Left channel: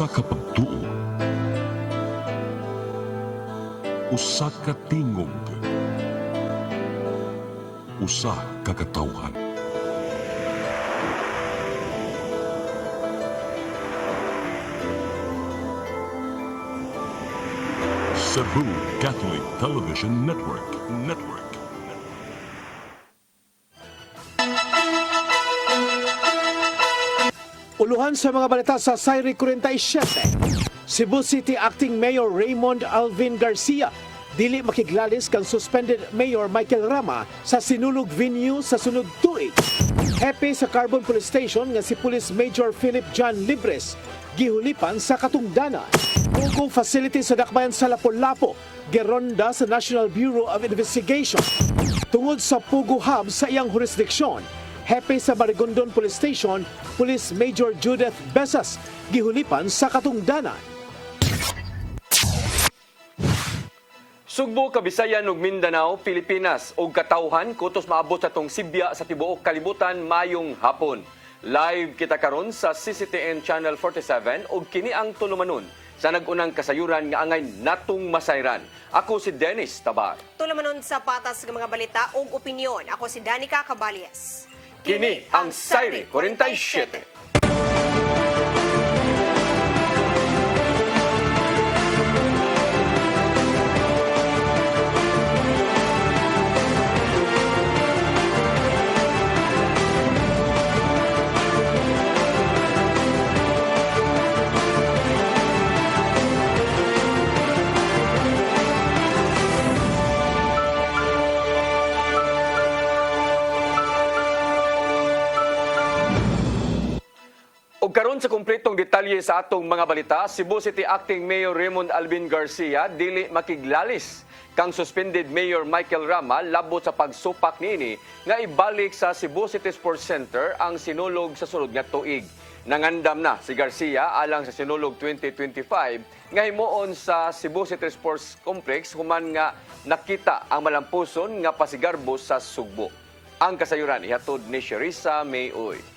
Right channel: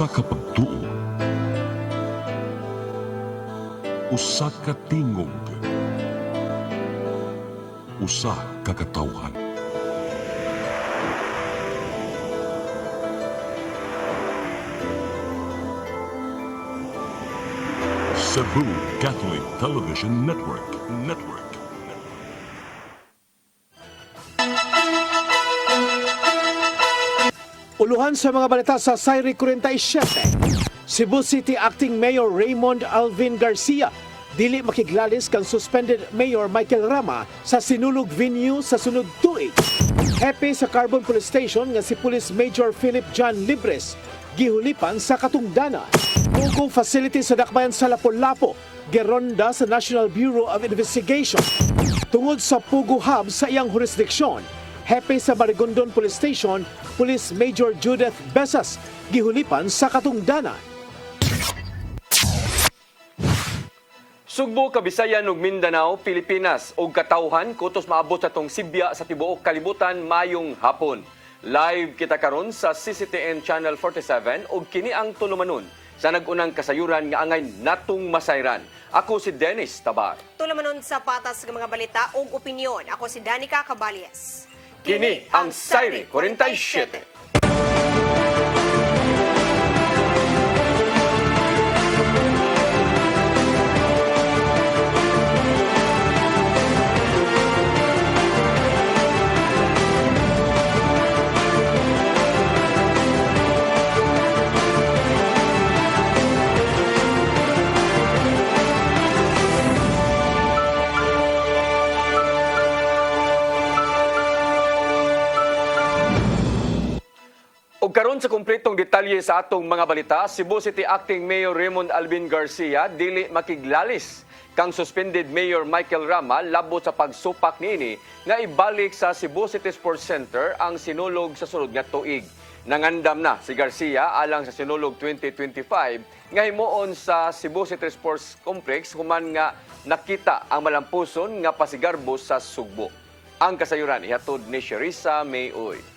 Usa ka pagtuo, usa ka tingog, usa ka katawhan. Cebu Catholic Television Network. Uluhan sa mga balita sa Sayri 47. Cebu City Acting Mayor Raymond Alvin Garcia dili makiglalis kang suspended Mayor Michael Rama sa sinulog venue sa sunod tuig. Hepe sa Carbon Police Station nga si Police Major Philip John Libres gihulipan sa Katungdana. Pugo facility sa Dakbayan sa Lapu-Lapu geronda sa National Bureau of Investigation. Tungod sa Pugo Hub sa iyang jurisdiksyon, Hepe sa Marigondon Police Station, Police Major Judith Besas gihulipan sa Katungdana. Sugbo, Kabisayan ug Mindanao, Pilipinas ug katawhan kutos maabot sa tong Sibya sa tibuok kalibutan mayong hapon. Live kita karon sa CCTN Channel 47 ug kini ang tulumanon sa nag-unang kasayuran nga angay natong masayran. Ako si Dennis Tabar. Tulumanon sa patas ng mga balita ug opinyon. Ako si Danica Cabalias. Kini ang Sayri 47. Ug karon sa kumpletong detalye sa atong mga balita, Cebu City Acting Mayor Raymond Alvin Garcia dili makiglalis kang suspended Mayor Michael Rama labot sa pagsupak niini nga ibalik sa Cebu City Sports Center ang sinulog sa sulod nga tuig. Nangandam na si Garcia alang sa sinulog 2025 nga himuon sa Cebu City Sports Complex human nga nakita ang malampuson nga pasigarbo sa Sugbo. Ang kasayuran ihatod ni Sherissa Mayoy.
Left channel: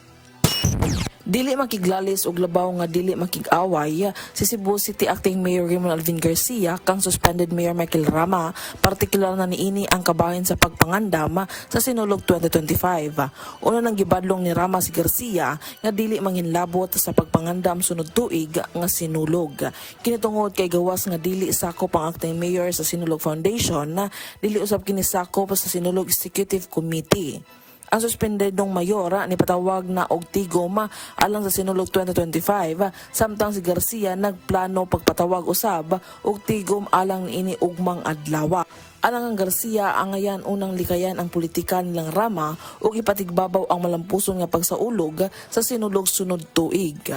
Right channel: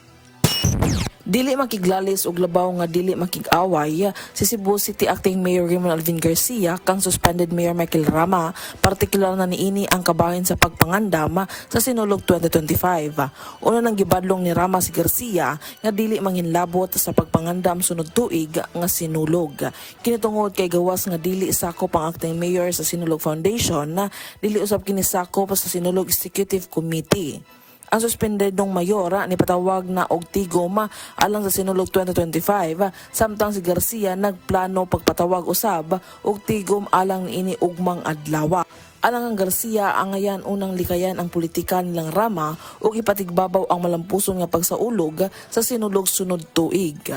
Dili makiglalis og labaw nga dili makig-away si Cebu City Acting Mayor Raymond Alvin Garcia kang suspended Mayor Michael Rama, partikular na niini ang kabahin sa pagpangandam sa sinulog 2025. Una nang gibadlong ni Rama si Garcia nga dili manghinlabot sa pagpangandam sunod tuig nga sinulog. Kinitungod kay gawas nga dili sakop ang acting mayor sa Sinulog Foundation, dili usab kini sakop sa Sinulog Executive Committee. Ang suspendedong mayor ni patawag na og tigom alang sa sinulog 2025 samtang si Garcia nagplano pagpatawag usab og tigom alang ini ugmang adlaw. Alang ang Garcia ang ngayon unang likayan ang politika nilang Rama ug ipatigbabaw ang malampuson nga pagsaulog sa sinulog sunod tuig.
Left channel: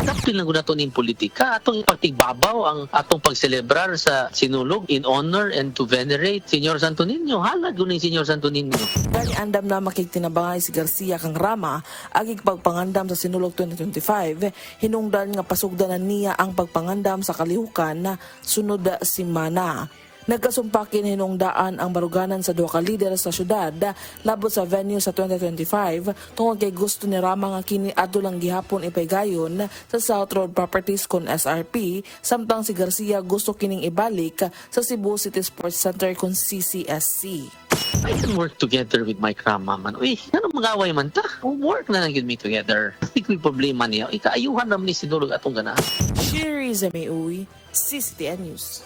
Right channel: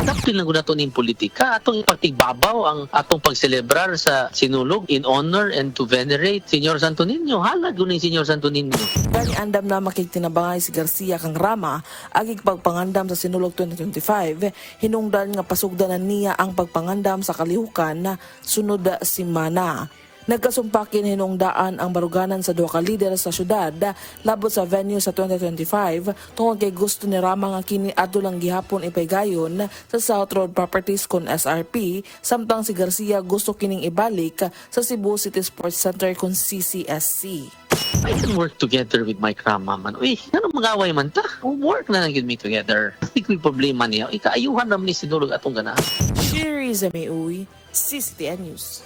Adaptin lang nato ning politika atong ipagtigbabaw ang atong pagselebrar sa sinulog in honor and to venerate Señor Santo Niño. Halad guning Señor Santo Niño. Gani andam na makigtinabangay si Garcia kang Rama agig pagpangandam sa sinulog 2025 hinungdan nga pasugdanan niya ang pagpangandam sa kalihukan na sunod semana. Nagkasumpakin hinungdaan ang baruganan sa duha ka lider sa syudad labot sa venue sa 2025 tungod kay gusto ni Rama nga kini adto lang gihapon ipaygayon sa South Road Properties kon SRP samtang si Garcia gusto kining ibalik sa Cebu City Sports Center kon CCSC. I can work together with Mike Rama man. Uy, ano mag-away man ta? Work na lang yun me together. I think may problema niya. Ikaayuhan naman ni sinulog atong ganahan. Sherissa Mayoy, CCTN News.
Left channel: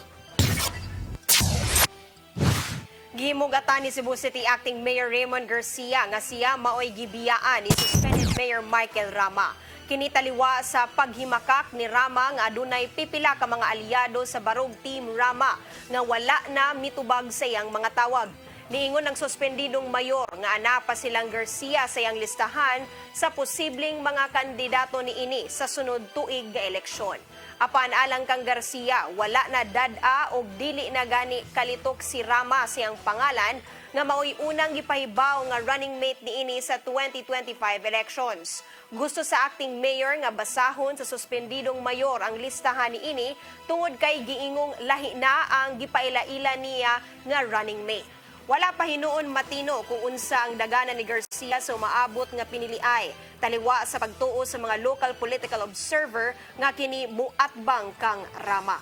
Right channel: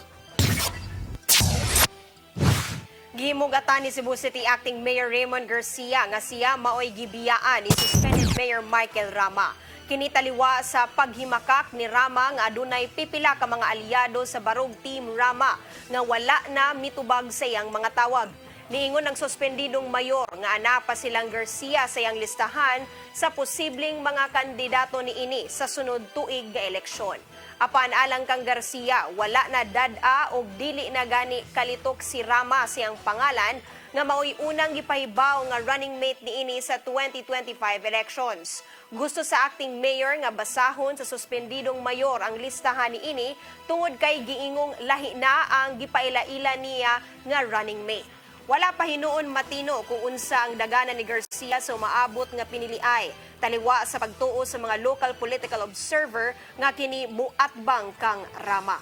Gihimugatan ni Cebu City Acting Mayor Raymond Garcia nga siya maoy gibiyaan ni suspended Mayor Michael Rama. Kinitaliwa sa paghimakak ni Rama nga adunay pipila ka mga aliado sa barog Team Rama nga wala na mitubag sa iyang mga tawag. Niingon ng suspendidong mayor nga ana pa silang Garcia sa iyang listahan sa posibleng mga kandidato niini sa sunod tuig nga eleksyon. Apan alang kang Garcia, wala na dad-a o dili na gani kalitok si Rama siyang pangalan nga maoy unang gipahibaw nga running mate niini sa 2025 elections. Gusto sa acting mayor nga basahon sa suspendidong mayor ang listahan niini tungod kay giingong lahi na ang gipaila-ila niya nga running mate. Wala pa hinuon matino kung unsa ang daganan ni Garcia sa umaabot nga piniliay. Taliwa sa pagtuo sa mga local political observer nga kini muatbang kang Rama.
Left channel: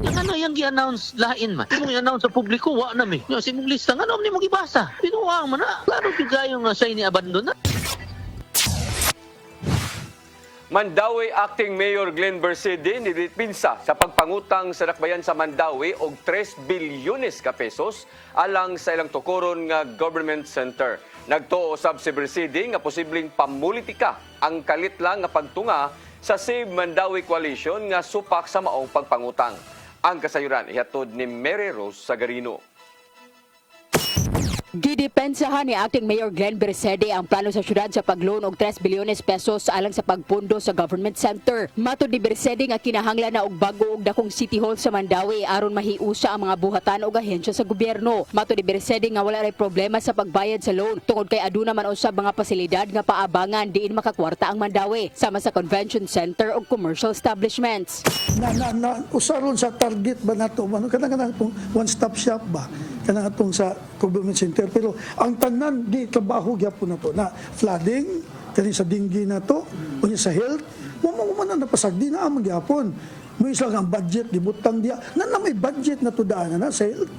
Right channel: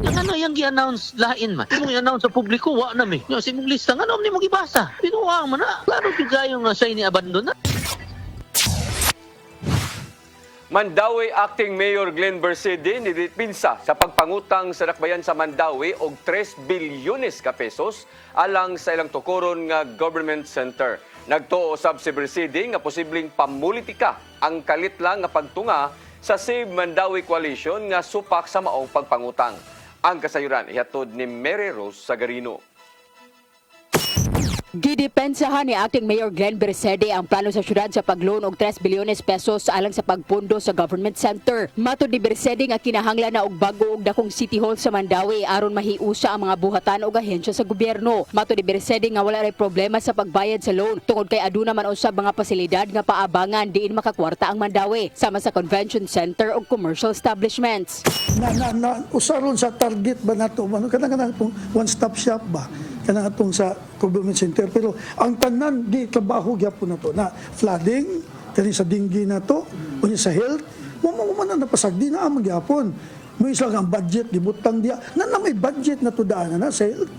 Yung ano yung gi-announce lain man. Yung i-announce sa publiko, wa na mi. Yung simong lista, ano ni mo gibasa? Pinuha mo na. Klaro yung sa ini-abandon na. Mandawi Acting Mayor Glenn Bersede nidipinsa sa pagpangutang sa dakbayan sa Mandawi og 3 bilyones ka pesos alang sa ilang tukuron nga government center. Nagtuo usab si Bersede nga posibleng pamulitika ang kalit lang nga pagtunga sa Save Mandawi Coalition nga supak sa maong pagpangutang. Ang kasayuran ihatod ni Mary Rose Sagarino. Gidepensahan ni Acting Mayor Glenn Bersede ang plano sa syudad sa pagloan og 3 bilyones pesos alang sa pagpundo sa government center. Matod ni Bersede nga kinahanglan na og bago og dakong City Hall sa Mandawi aron mahiusa ang mga buhatan og ahensya sa gobyerno. Matod ni Bersede nga wala ray problema sa pagbayad sa loan tungod kay aduna man usab mga pasilidad nga paabangan diin makakwarta ang Mandawi sama sa convention center ug commercial establishments. Usaron sa target ba nato man kanang one stop shop ba kanang atong sa government center pero ang tanan di trabaho gyapon nato na flooding kani sa dinggi nato unya sa health mo man napasagdi na ang gyapon mo isa ang budget gibutang dia na may budget na to daanan na sa health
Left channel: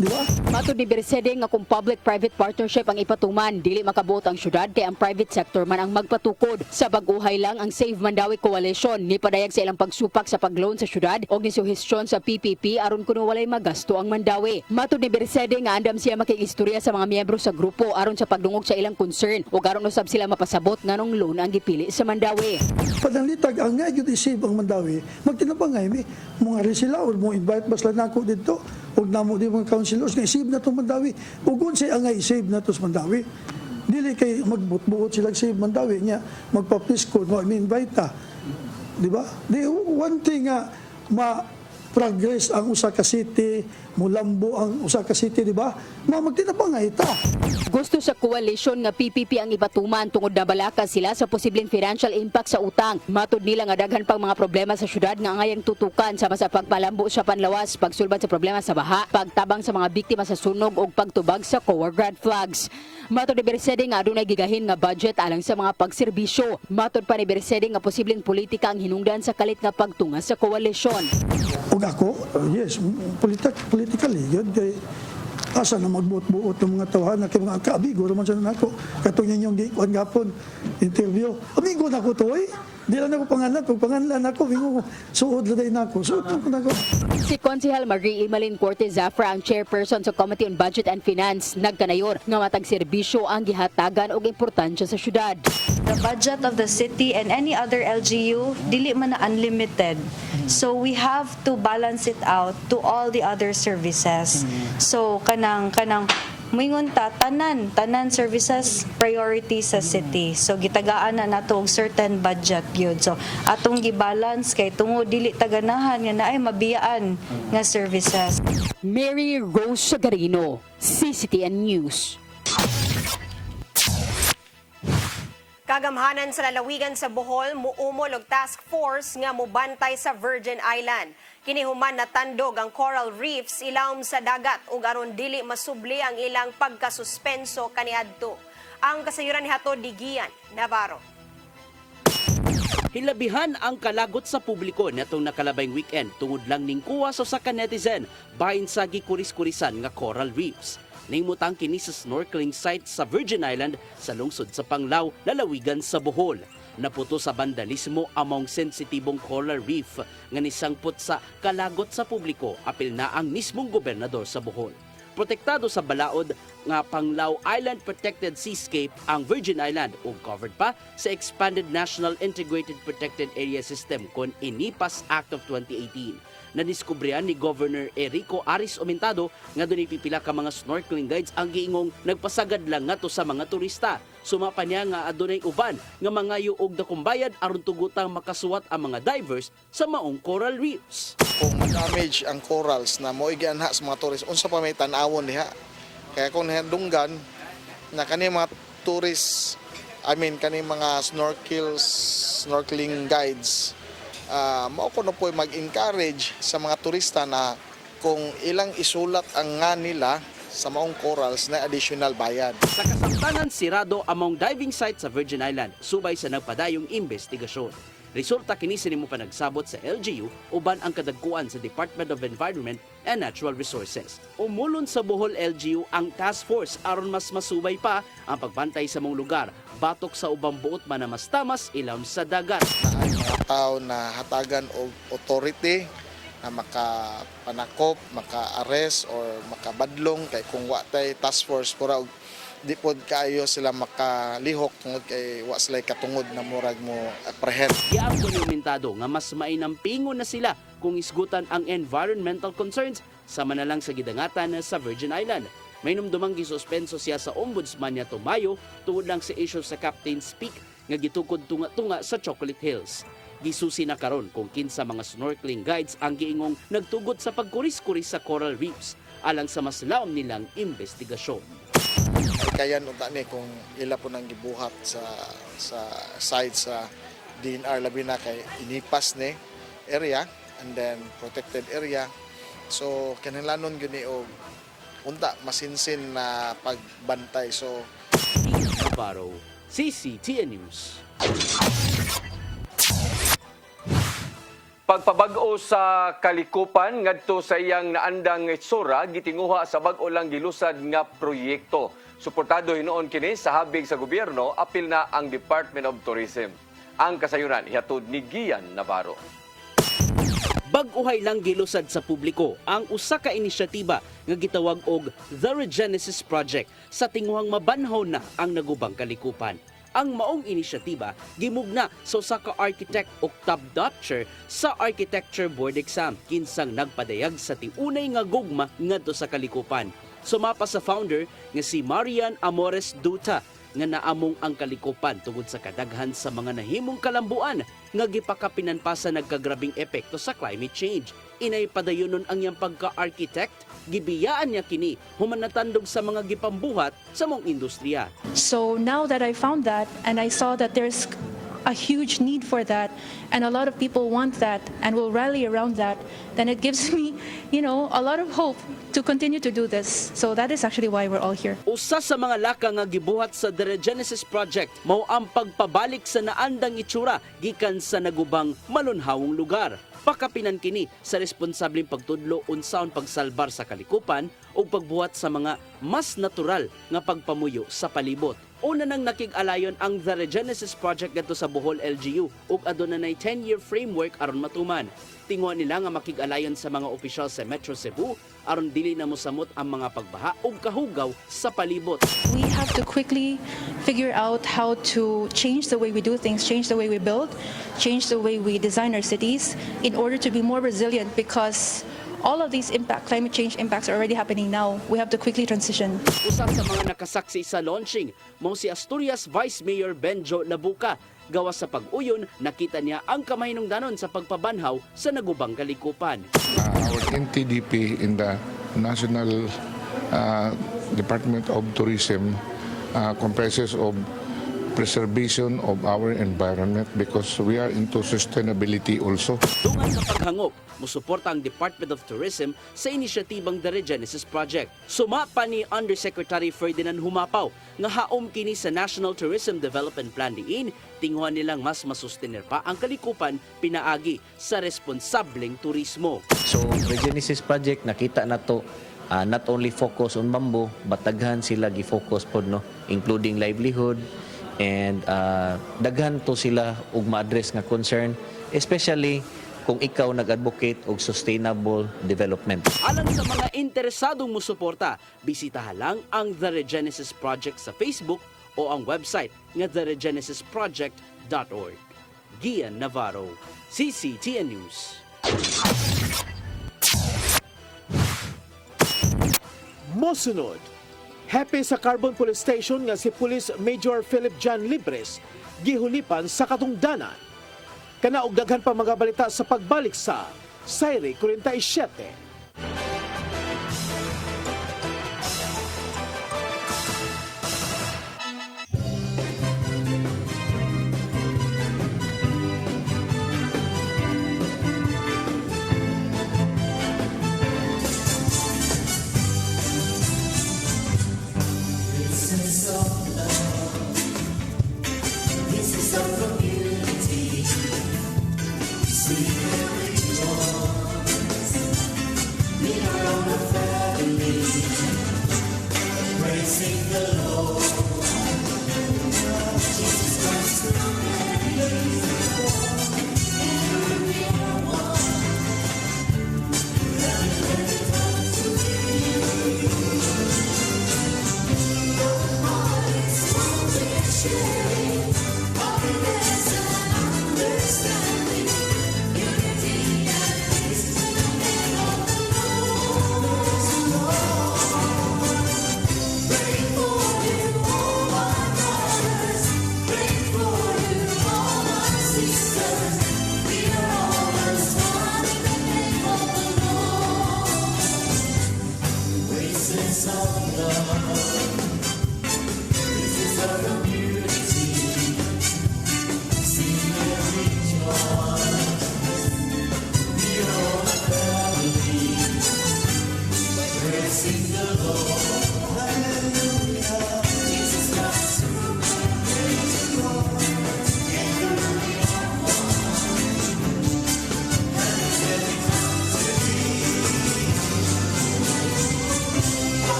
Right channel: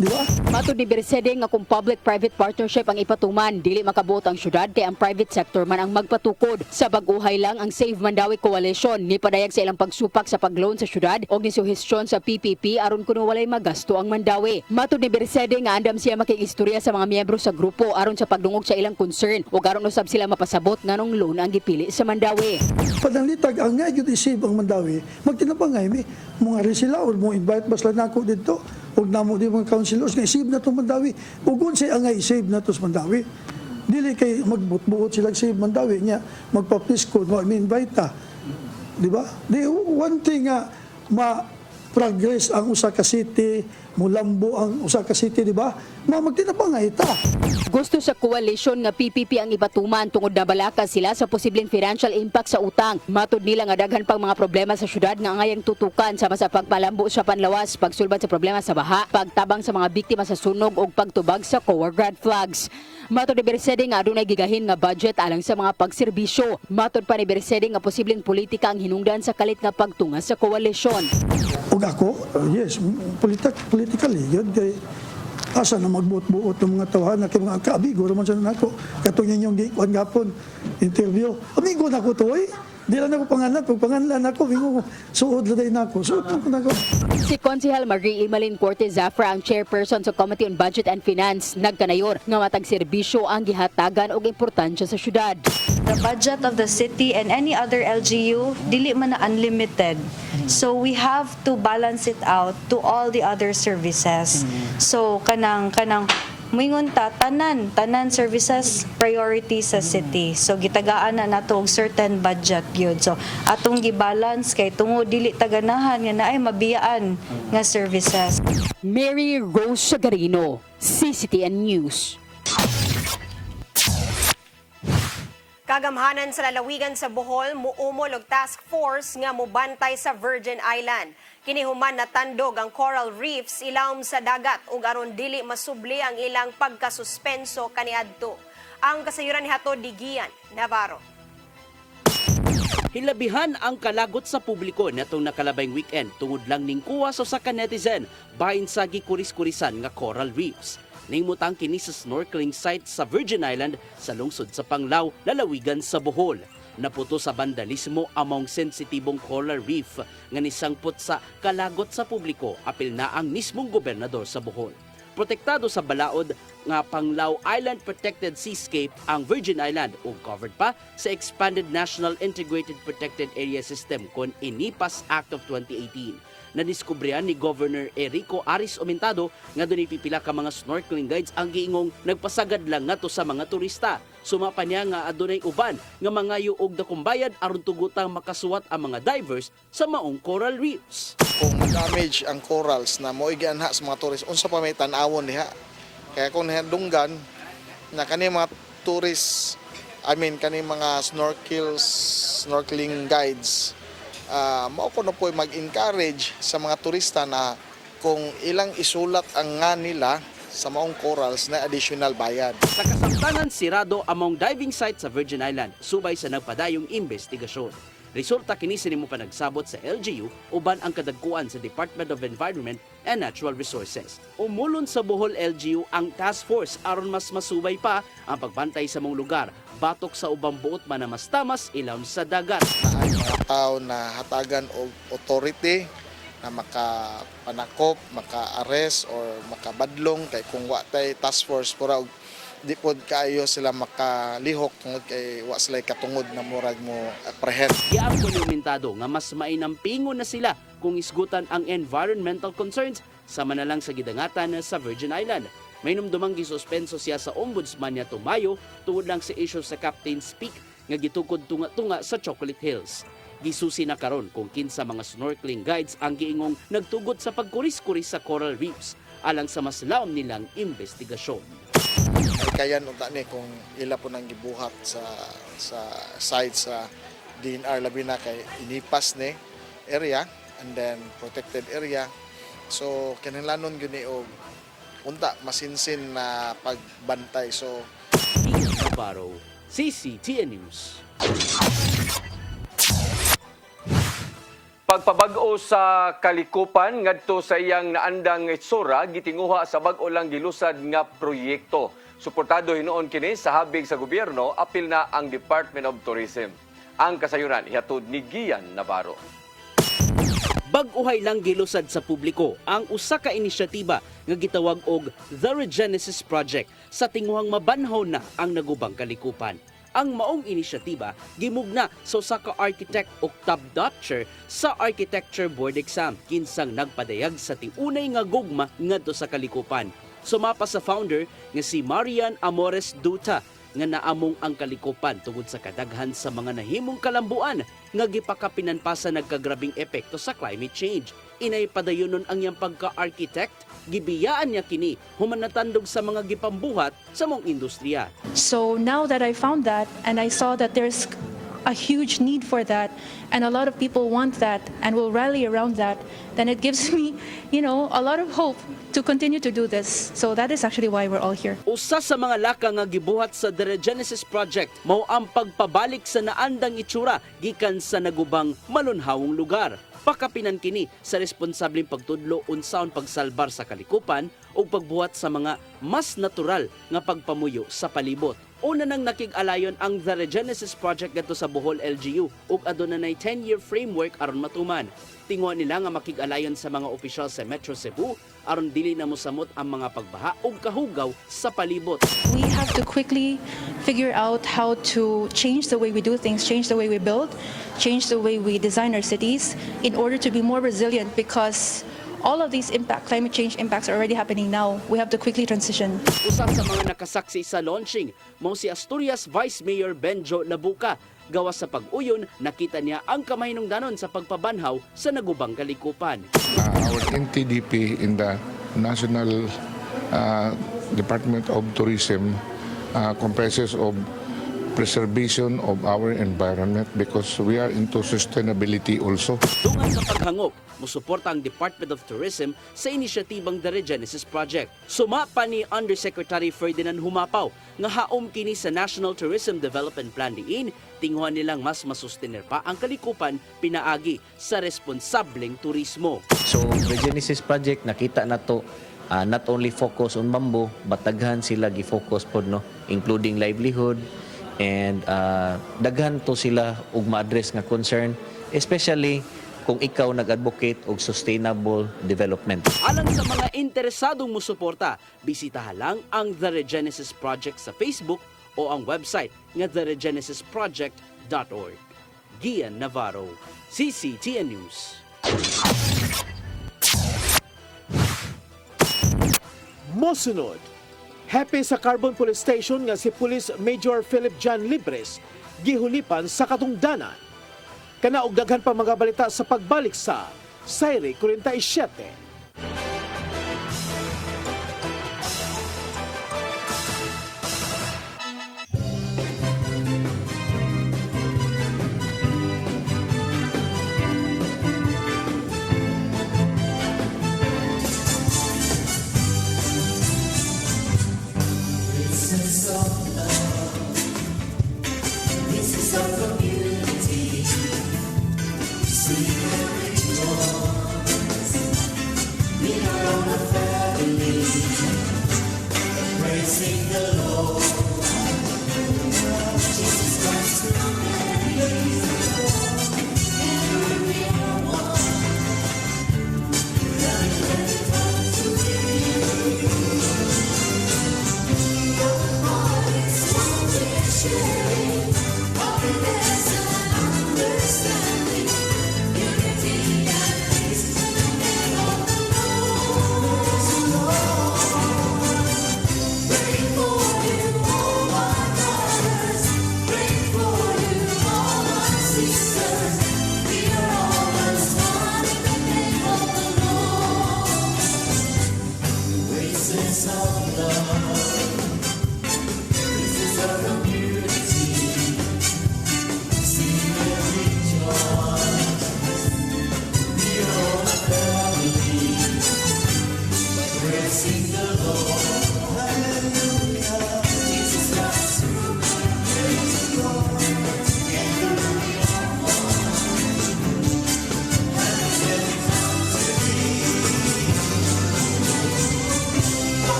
di ba? Matod ni Bersede nga kung public-private partnership ang ipatuman, dili makabuot ang syudad kay ang private sector man ang magpatukod. Sa baguhay lang ang Save Mandawi Coalition ni padayag sa ilang pagsupak sa pagloan sa syudad o gisuhestyon sa PPP aron kuno walay magasto ang Mandawi. Matod ni Bersede nga andam siya makiistorya sa mga miyembro sa grupo aron sa pagdungog sa ilang concern ug aron usab sila mapasabot nganong loan ang gipili sa Mandawi. Pananglitag ang nga gyud isave ang Mandawi magtinabangay mi mga resila or mo invite basla nako dito ug namo di mga councilors nga isave na to Mandawi ug unsay ang nga isave na to sa Mandawi dili kay magbutbuot sila save Mandawi nya magpapisko mo invite ta di ba di one thing nga progress ang usa ka city mulambo ang usa ka city di ba na magtinabangay ta. Gusto sa coalition nga PPP ang ipatuman tungod na balaka sila sa posibleng financial impact sa utang. Matod nila nga daghan pang mga problema sa syudad nga angayang tutukan sama sa pagpalambo sa panlawas, pagsulbad sa problema sa baha, pagtabang sa mga biktima sa sunog ug pagtubag sa COA red flags. Matod ni Bersede nga adunay gigahin nga budget alang sa mga pagserbisyo. Matod pa ni Bersede nga posibleng politika ang hinungdan sa kalit nga pagtunga sa koalisyon. Ug ako, yes, politically yun kay asa na magbuot-buot ng mga tawahan na kay mga kaabigo raman sa nako katong inyong gikuan gapon interview amigo nako to di lang ako pangalan pag pangalan ako bingo suod laday nako suod nako. Si Konsehal Marie Imalin Cortez Zafra ang chairperson sa Committee on Budget and Finance nagkanayor nga matag serbisyo ang gihatagan og importansya sa syudad. The budget of the city and any other LGU dili man na unlimited. So we have to balance it out to all the other services. So kanang moingon ta tanan services priority sa city. So gitagaan na nato og certain budget gyud. So atong gibalance kay tungod dili taganahan nga naay mabiyaan nga services. Mary Rose Sagarino, CCTN News. Kagamhanan sa lalawigan sa Bohol, muumol og task force nga mubantay sa Virgin Island. Kinihuman na tandog ang coral reefs ilawom sa dagat ug aron dili masubli ang ilang pagkasuspenso kaniadto. Ang kasayuran ni Hato Digian, Navarro. Hilabihan ang kalagot sa publiko natong nakalabayng weekend tungod lang ning kuwas sa ka netizen bahin sa gikuris-kurisan nga coral reefs. Nahimutang kini sa snorkeling site sa Virgin Island sa lungsod sa Panglao, lalawigan sa Bohol. Naputo sa vandalismo among sensitibong coral reef nga nisangpot sa kalagot sa publiko apil na ang mismong gobernador sa Bohol. Protektado sa balaod nga Panglao Island Protected Seascape ang Virgin Island ug covered pa sa Expanded National Integrated Protected Area System kon INIPAS Act of 2018. Nadiskubrihan ni Governor Erico Aris Omentado nga dunay pipila ka mga snorkeling guides ang giingong nagpasagad lang ngadto sa mga turista. Sumapa niya nga adunay uban nga mga yuog dakong bayad aron tugutang makasuwat ang mga divers sa maong coral reefs. Kung ma-damage ang corals na moiganha sa mga tourist, unsa pa may tan-awon diha. Kaya kung dunggan na kani mga tourist, kani mga snorkeling guides, mao ko na po mag-encourage sa mga turista na kung ilang isulat ang nga nila sa maong corals na additional bayad. Sa kasamtanan, sirado among diving site sa Virgin Island, subay sa nagpadayong investigasyon. Resulta kini sini mo pa nagsabot sa LGU uban ang kadagkuan sa Department of Environment and Natural Resources. Umulon sa Bohol LGU ang task force aron mas masubay pa ang pagbantay sa mong lugar, batok sa ubang buot man na mas tamas ilawom sa dagat. Ang mga tao na hatagan og authority na makapanakop, maka-arrest or makabadlong kay kung wa tay task force pura di pod kaayo sila makalihok tungod kay wa sila katungod na murag mo apprehend. Iyan dokumentado nga mas mainampingon na sila kung isgutan ang environmental concerns sama na lang sa gidangatan sa Virgin Island. May numdumang gisuspenso siya sa ombudsman niya tumayo tungod lang sa issue sa Captain's Peak nga gitukod tunga-tunga sa Chocolate Hills. Gisusi na karon kung kinsa mga snorkeling guides ang giingong nagtugot sa pagkuris-kuris sa coral reefs alang sa mas laom nilang investigasyon. Kayan unta ni kung ila po nang gibuhat sa side sa DNR labi na kay inipas ni area and then protected area. So kinahanglanon gyud ni og unta masinsin na pagbantay. So Navarro, CCTN News. Pagpabag-o sa kalikupan ngadto sa iyang naandang itsura gitinguha sa bag-o lang gilusad nga proyekto. Suportado hinuon kini sa habig sa gobyerno apil na ang Department of Tourism. Ang kasayuran ihatod ni Gian Navarro. Bag-uhay lang gilusad sa publiko ang usa ka inisyatiba nga gitawag og The Regenesis Project sa tinguhang mabanhaw na ang nagubang kalikupan. Ang maong inisyatiba gimugna sa usa ka architect og top notcher sa Architecture Board exam kinsang nagpadayag sa tiunay nga gugma ngadto sa kalikupan. Sumapa sa founder nga si Marian Amores Duta nga naamong ang kalikupan tungod sa kadaghan sa mga nahimong kalambuan nga gipakapinan pa sa nagkagrabing epekto sa climate change. Inay padayonon ang iyang pagka-architect, gibiyaan niya kini human natandog sa mga gipambuhat sa mong industriya. So now that I found that and I saw that there's a huge need for that and a lot of people want that and will rally around that, then it gives me, a lot of hope to continue to do this. So that is actually why we're all here. Usa sa mga laka nga gibuhat sa The Regenesis Project mao ang pagpabalik sa naandang itsura gikan sa nagubang malunhawong lugar. Pakapinan kini sa responsableng pagtudlo unsaon pagsalbar sa kalikupan o pagbuhat sa mga mas natural nga pagpamuyo sa palibot. Una nang nakig-alayon ang The Regenesis Project gadto sa Bohol LGU ug aduna nay 10-year framework aron matuman. Tinguha nila nga makig-alayon sa mga opisyal sa Metro Cebu aron dili na mosamot ang mga pagbaha ug kahugaw sa palibot. We have to quickly figure out how to change the way we do things, change the way we build, change the way we design our cities in order to be more resilient because all of these climate change impacts are already happening now. We have to quickly transition. Usa sa mga nakasaksi sa launching mao si Asturias Vice Mayor Benjo Labuca. Gawas sa pag-uyon, nakita niya ang kamahinungdanon sa pagpabanhaw sa nagubang kalikupan. Our NTDP in the National Department of Tourism comprises of preservation of our environment because we are into sustainability also. Dungan sa paghangop, musuporta ang Department of Tourism sa inisyatibang The Regenesis Project. Sumapa ni Undersecretary Ferdinand Humapaw nga haom kini sa National Tourism Development Plan diin, tinguhan nilang mas masustener pa ang kalikupan pinaagi sa responsableng turismo. So the Genesis Project nakita na to not only focus on bamboo, but daghan sila gi-focus pod including livelihood and daghan to sila ug ma-address nga concern, especially kung ikaw nag-advocate og sustainable development. Alang sa mga interesadong musuporta, bisitahan lang ang The Regenesis Project sa Facebook o ang website nga theregenesisproject.org. Gian Navarro, CCTN News. Mosunod, happy sa Carbon Police Station nga si Police Major Philip John Libres gihulipan sa katungdanan. Kanaog daghan pa mga balita sa pagbalik sa Sayri 47.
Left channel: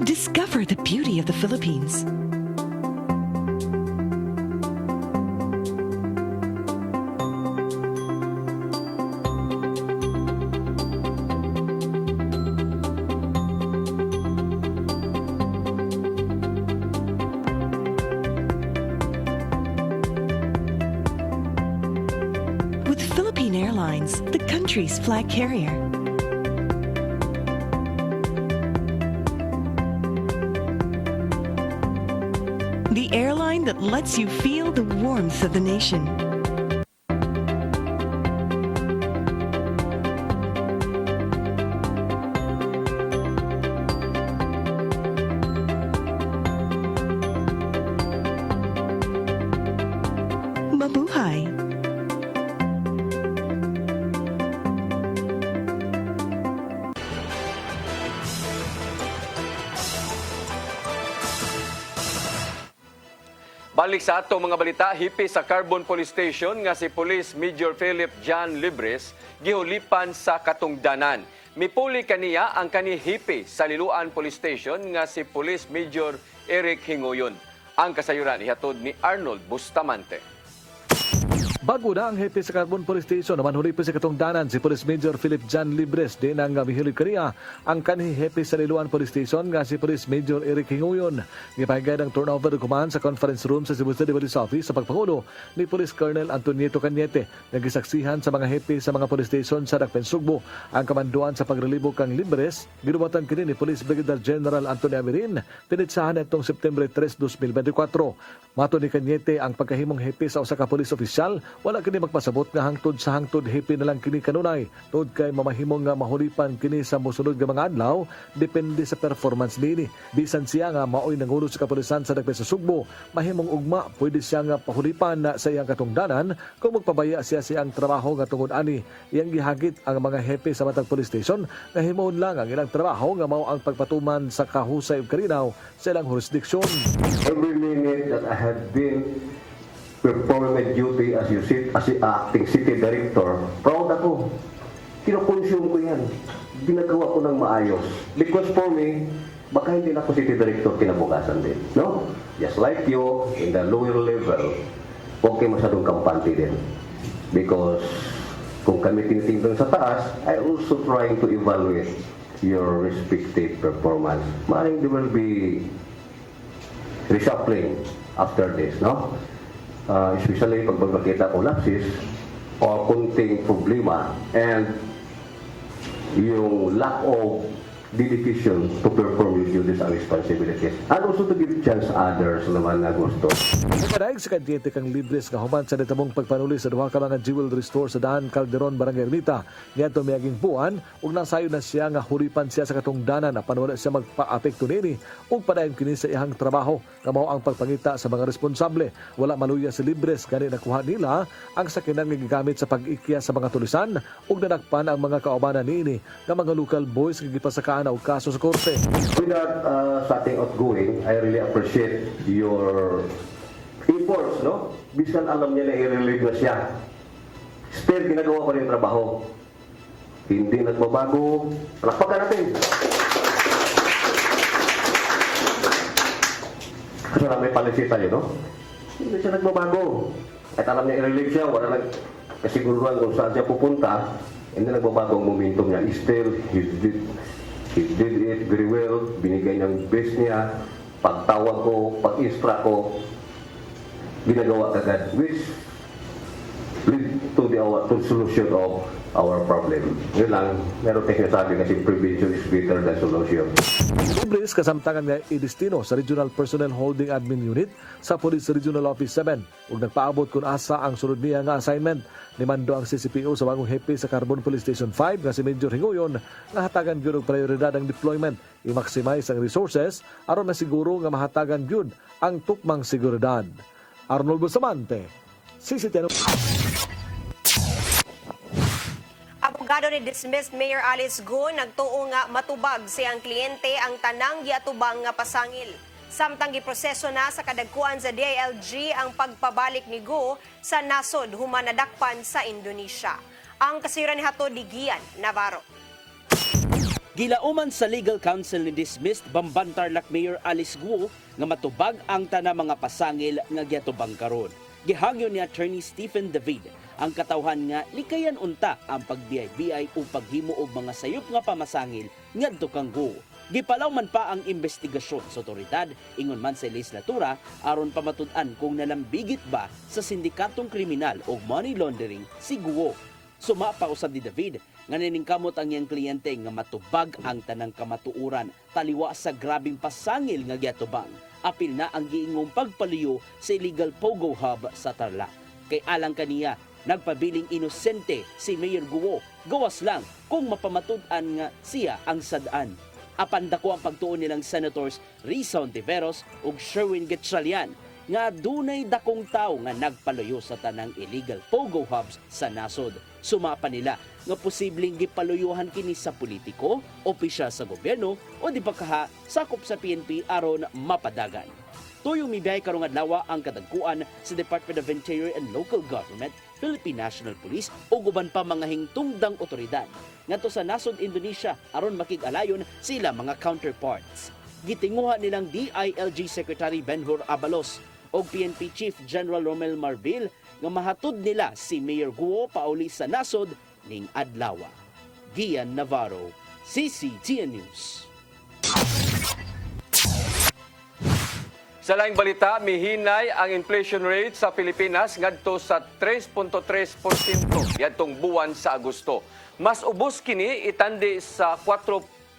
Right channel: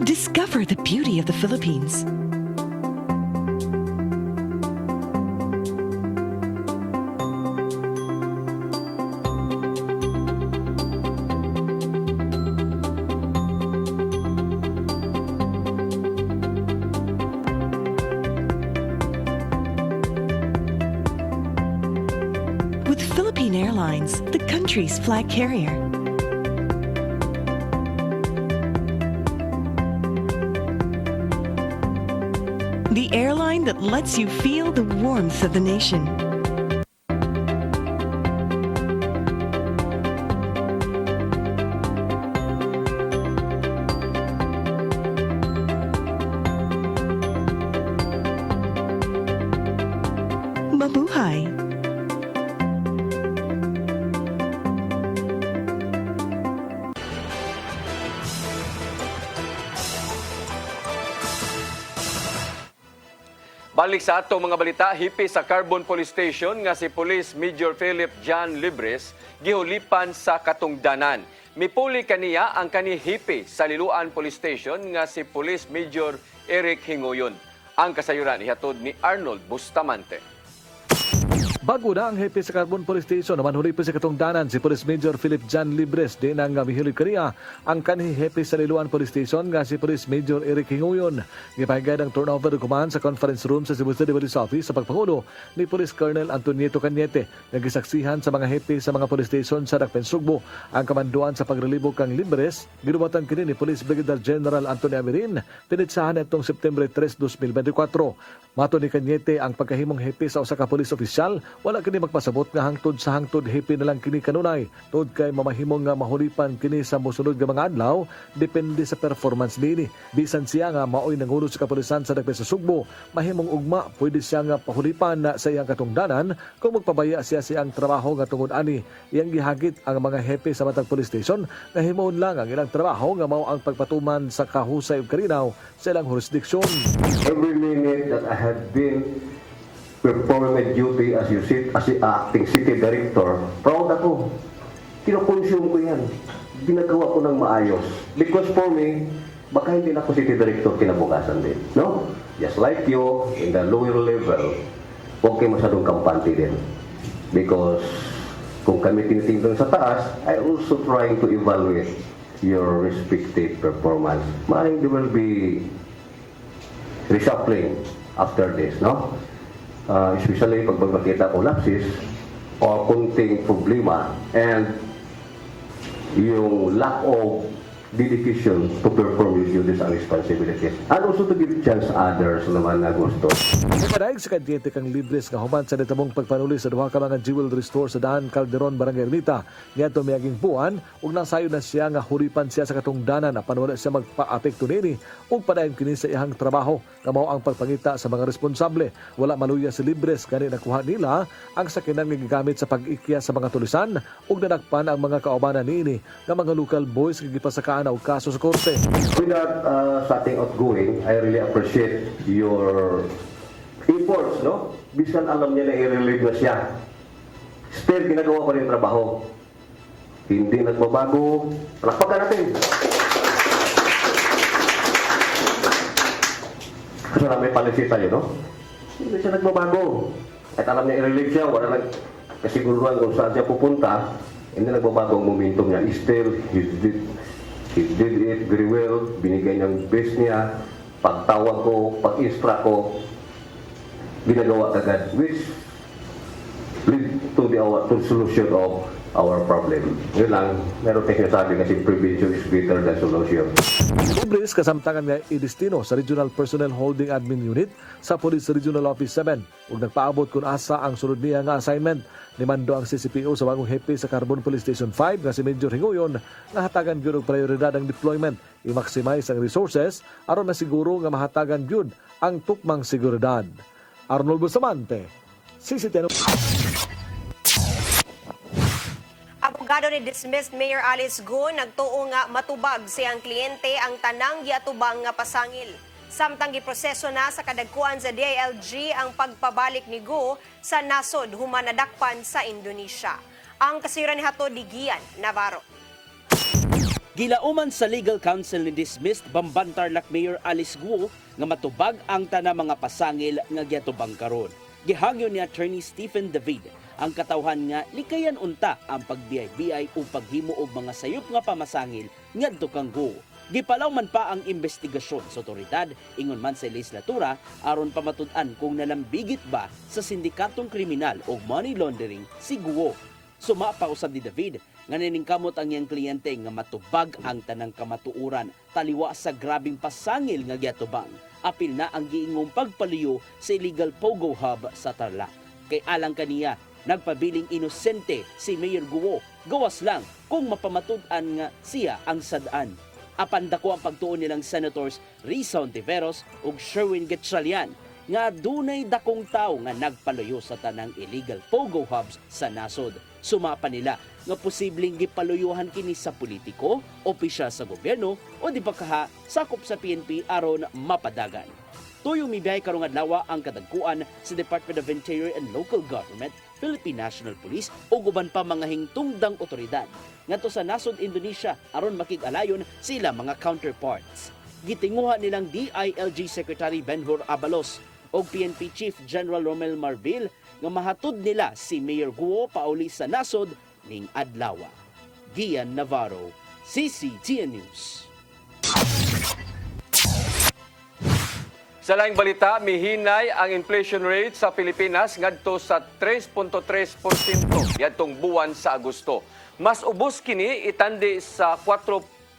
Discover the beauty of the Philippines. With Philippine Airlines, the country's flag carrier. The airline that lets you feel the warmth of the nation. Mabuhay! Balik sa atong mga balita, hipi sa Carbon Police Station nga si Police Major Philip John Libres gihulipan sa katungdanan. Mipuli kaniya ang kani hipi sa Liloan Police Station nga si Police Major Eric Hingoyon. Ang kasayuran ihatod ni Arnold Bustamante. Bago na ang hepe sa Carbon Police Station, naman huli pa sa katungdanan si Police Major Philip John Libres. Di nang mihilig kaniya ang kanhi hepe sa Liloan Police Station nga si Police Major Eric Hingoyon. Gipahigad ang turnover dokuman sa conference room sa Cebu City Police Office sa pagpangulo ni Police Colonel Antonieta Cañete. Nagisaksihan sa mga hepe sa mga police station sa Dakpen Sugbo. Ang kamanduan sa pagrelibo kang Libres, ginubatan kini ni Police Brigadier General Antonio Amirin, pinitsahan itong September 3, 2024. Mato ni Cañete ang pagkahimong hepe sa usa ka police official, wala kini magpasabot nga hangtod sa hangtod hepe na lang kini kanunay. Tod kay mamahimong nga mahulipan kini sa mosunod nga mga adlaw, depende sa performance niini. Bisan siya nga maoy nangulo sa kapulisan sa Dakpen sa Sugbo, mahimong ugma pwede siya nga pahulipan na sa iyang katungdanan kung magpabaya siya siyang trabaho nga tungod ani. Iyang gihagit ang mga hepe sa matag police station nga himon lang ang ilang trabaho nga mao ang pagpatuman sa kahusay ug kalinaw sa ilang jurisdiksyon. Every minute that I had been performing my duty as acting city director, proud ako. Kinoconsume ko yan. Ginagawa ko ng maayos. Because for me, baka hindi na ako city director kinabukasan din. No? Just like you, in the lower level, huwag kayo masyadong kampante din. Because kung kami tinitingnan sa taas, I also trying to evaluate your respective performance. Maaaring there will be reshuffling after this, no? Especially pag magmakita ko lapses o kunting problema and yung lack of dedication to perform your duties and responsibilities. And also to give chance others naman na gusto. Pagpadaig sa Cañete kang Libres nga human sa nitamong pagpanuli sa duha ka mga jewelry store sa Daan Calderon, Barangay Ermita. Niadto miaging buwan ug nang sayo na siya nga hulipan siya sa katungdanan na panwala siya magpa-apekto nini ug padayon kini sa iyang trabaho nga mao ang pagpangita sa mga responsable. Wala maluya si Libres gani nakuha nila ang sakinan nga gigamit sa pag-ikya sa mga tulisan ug nadakpan ang mga kaubanan niini nga mga local boys nga gipasaka og kaso sa korte. Without starting outgoing, I really appreciate your efforts, no? Bisan alam niya na i-relieve na siya. Still, ginagawa ko rin yung trabaho. Hindi nagbabago. Palakpakan natin. Kasi may policy tayo, no? Hindi siya nagbabago. At alam niya i-relieve siya, wala nagkasiguruhan kung saan siya pupunta. Hindi nagbabago ang momentum niya. Still, he did it very well. Binigay niyang best niya. Pagtawag ko, pag-istra ko, ginagawa agad, which lead to the solution of our problem. Yun lang, meron tayong sabi kasi prevention is better than solution. Libres kasamtangan nga idestino sa Regional Personnel Holding Admin Unit sa Police Regional Office 7 ug nagpaabot kung asa ang sunod niya nga assignment. Nimando ang CCPO sa bagong hepe sa Carbon Police Station 5 nga si Major Hingoyon na hatagan gyud og prioridad ang deployment, i-maximize ang resources aron na siguro nga mahatagan gyud ang tukmang seguridad. Arnold Bustamante, CCTV. Abogado ni dismissed Mayor Alice Go nagtuo nga matubag siyang kliyente ang tanang giatubang nga pasangil. Samtang giproseso na sa kadagkuan sa DILG ang pagpabalik ni Go sa nasod human nadakpan sa Indonesia. Ang kasira ni Hato Digian Navarro. Gilauman sa legal counsel ni dismissed Bamban Tarlac Mayor Alice Guo nga matubag ang tana mga pasangil nga giatubang karon. Gihangyo ni Attorney Stephen David ang katawhan nga likayan unta ang pagbiyay-biyay o paghimo og mga sayop nga pamasangil ngadto kang Guo. Gipalaw man pa ang investigasyon sa otoridad ingon man sa legislatura aron pamatud-an kung nalambigit ba sa sindikatong kriminal o money laundering si Guo. Suma pa usab ni David nga naningkamot ang iyang kliyente nga matubag ang tanang kamatuuran taliwa sa grabing pasangil nga giatubang. Apil na ang giingong pagpaluyo sa illegal pogo hub sa Tarlac. Kay alang kaniya, nagpabiling inosente si Mayor Guo. Gawas lang kung mapamatud-an nga siya ang sadaan. Apan dako ang pagtuon nilang Senators Risa Ontiveros ug Sherwin Gatchalian nga dunay dakong tawo nga nagpaluyo sa tanang illegal pogo hubs sa nasod. Sumapa nila nga posibleng gipaluyuhan kini sa politiko, opisyal sa gobyerno o di pa kaha sakop sa PNP aron mapadagan. Tuyong mibiyahe karong adlaw ang kadagkuan sa Department of Interior and Local Government, Philippine National Police o guban pa mga hingtungdang otoridad ngadto sa nasod Indonesia aron makig-alayon sila mga counterparts. Gitinguha nilang DILG Secretary Benhur Abalos o PNP Chief General Romel Marbil nga mahatod nila si Mayor Guo pauli sa nasod ning adlaw. Gian Navarro, CCTN News. Sa laing balita, mihinay ang inflation rate sa Pilipinas ngadto sa 3.3% yadtong buwan sa Agosto. Mas ubos kini itandi sa 4.4%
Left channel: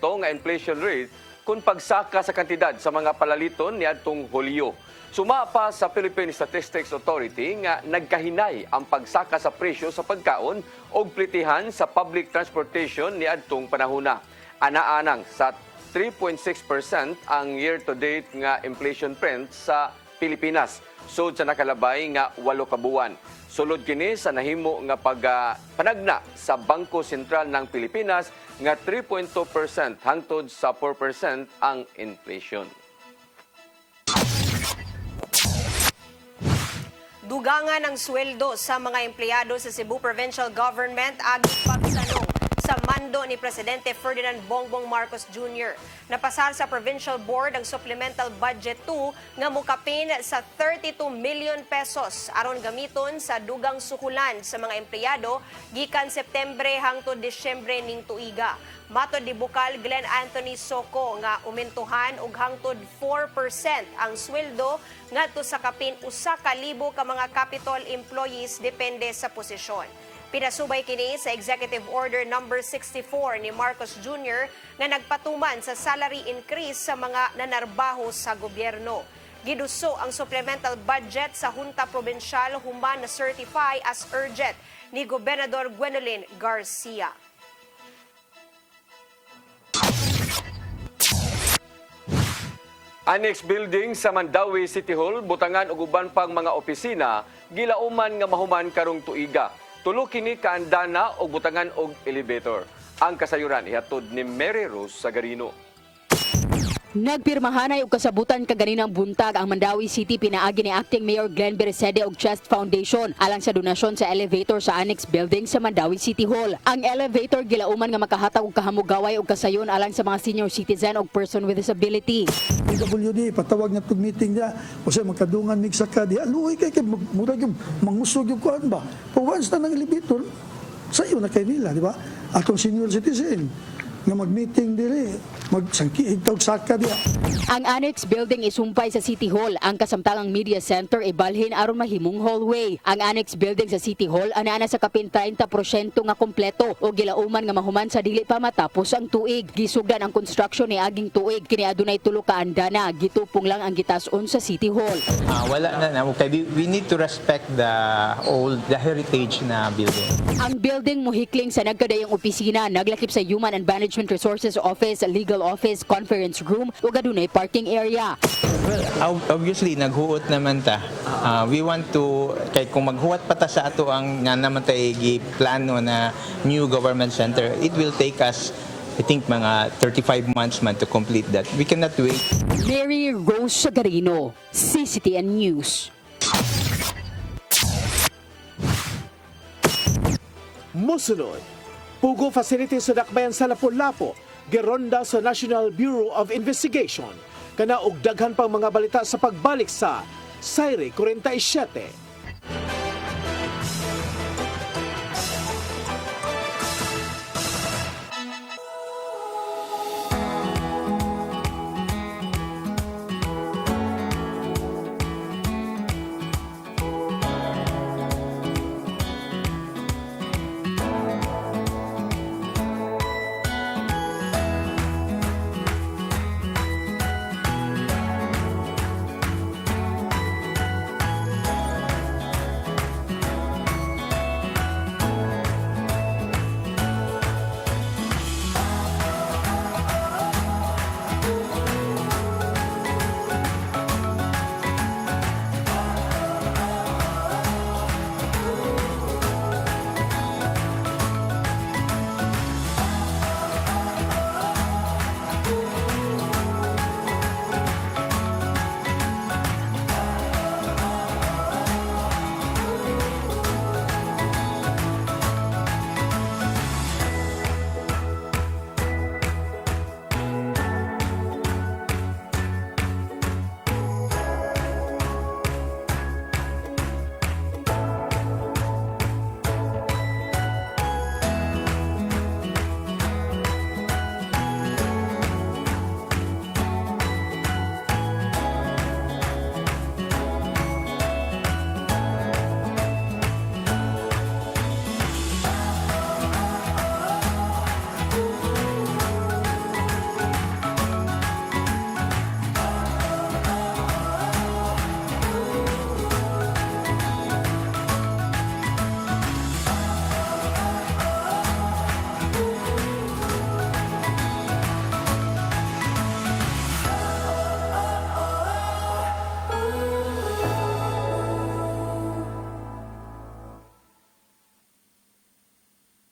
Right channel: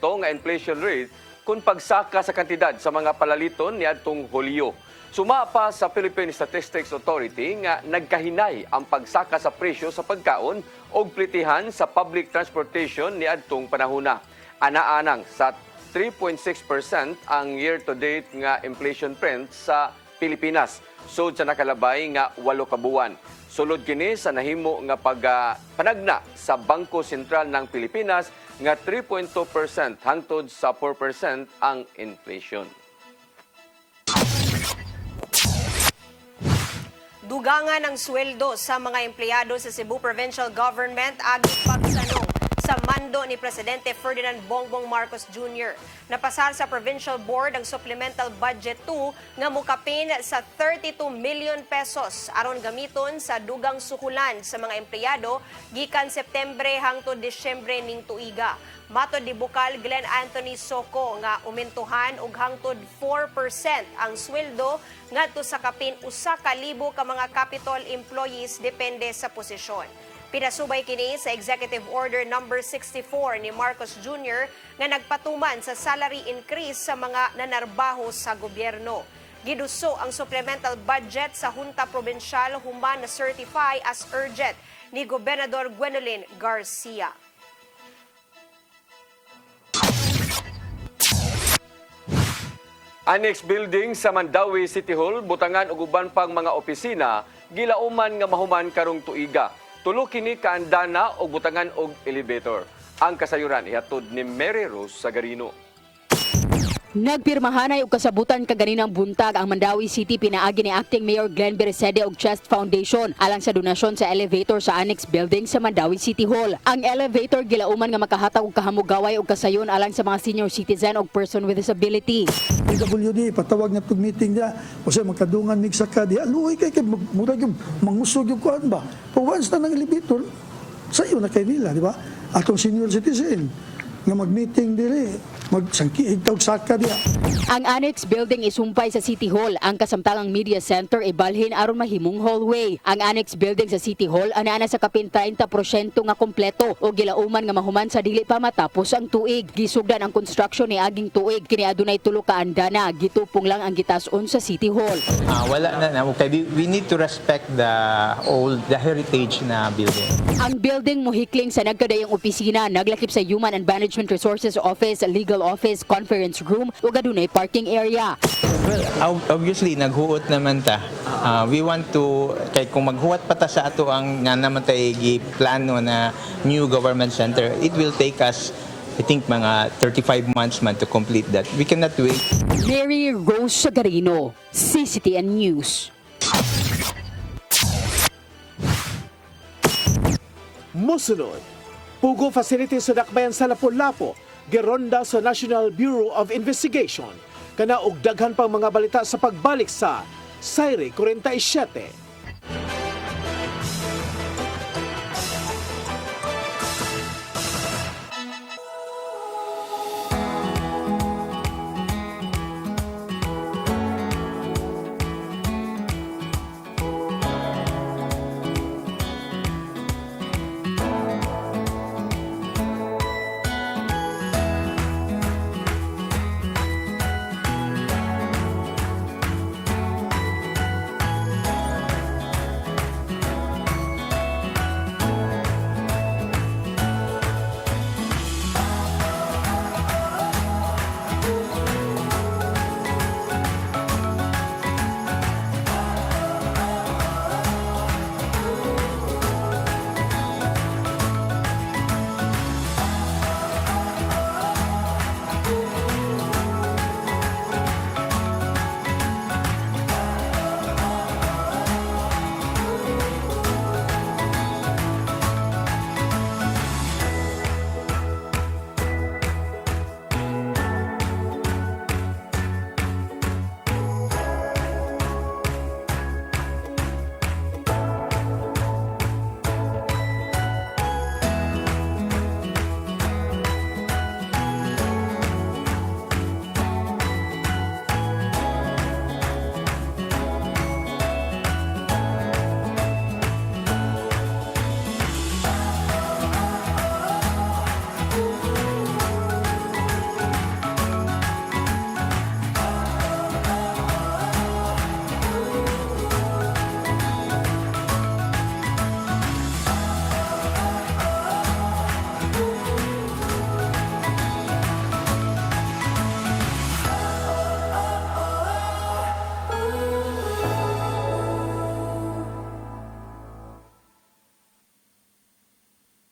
nga inflation rate kung pagsaka sa kantidad sa mga palaliton niadtong Hulyo. Suma pa sa Philippine Statistics Authority nga nagkahinay ang pagsaka sa presyo sa pagkaon o plitihan sa public transportation niadtong panahona. Ana-anang sa 3.6% ang year-to-date nga inflation trend sa Pilipinas. Sud sa nakalabay nga 8 ka buwan. Sulod kini sa nahimo nga panagna sa Bangko Sentral ng Pilipinas nga 3.2% hangtod sa 4% ang inflation. Dugangan ang sweldo sa mga empleyado sa Cebu Provincial Government aging pagsanong sa mando ni Presidente Ferdinand Bongbong Marcos Jr. Napasar sa Provincial Board ang Supplemental Budget 2 nga mukapin sa 32 million pesos aron gamiton sa dugang sukulan sa mga empleyado gikan Septembre hangtod Disyembre ning tuiga. Matod ni Bukal Glenn Anthony Soco nga umentuhan og hangtod 4% ang sweldo ngadto sa kapin 1,000 ka mga capital employees depende sa posisyon. Pinasubay kini sa Executive Order No. 64 ni Marcos Jr. na nagpatuman sa salary increase sa mga nanarbaho sa gobyerno. Giduso ang supplemental budget sa Junta Provincial human na certify as urgent ni Gobernador Gwendolyn Garcia. Annex building sa Mandawi City Hall, butangan og uban pang mga opisina, gilauman nga mahuman karong tuiga. Tulo kini kaandana og butangan og elevator. Ang kasayuran ihatod ni Mary Rose Sagarino. Nagpirmahanay og kasabutan kaganinang buntag ang Mandawi City pinaagi ni Acting Mayor Glenn Beresede og Chest Foundation alang sa donasyon sa elevator sa annex building sa Mandawi City Hall. Ang elevator gilauman nga makahatag og kahamugaway og kasayon alang sa mga senior citizen o person with disability. PWD patawag na tug meeting dia o siya magkadungan mig saka di aluoy kay murag yung mangusog yung kuan ba. Pag once na ng elevator sayo na kay nila, di ba? Atong senior citizen nga mag-meeting dire, magsangkiig tawag saka diya. Ang annex building isumpay sa City Hall. Ang kasamtalang media center ibalhin aron mahimong hallway. Ang annex building sa City Hall ana sa kapin 30% nga kompleto o gilauman nga mahuman sa dili pa matapos ang tuig. Gisugdan ang construction ni aging tuig kini adunay tulo ka andana. Gitupong lang ang gitas-on sa City Hall. Wala na we need to respect the heritage na building. Ang building mohikling sa nagkadayang opisina, naglakip sa Human and Management Resources Office, Legal Office, Conference Room ug adunay parking area. Well, obviously naghuot naman ta. We want to kay kung maghuwat pa ta sa ato ang nga naman tay giplano na new government center, it will take us I think mga 35 months man to complete that. We cannot wait. Mary Rose Sagarino, CCTN News. Musunod Pugo facility sa Dakbayan sa Lapu-Lapu, gironda sa National Bureau of Investigation. Kana og daghan pang mga balita sa pagbalik sa Sayre 47.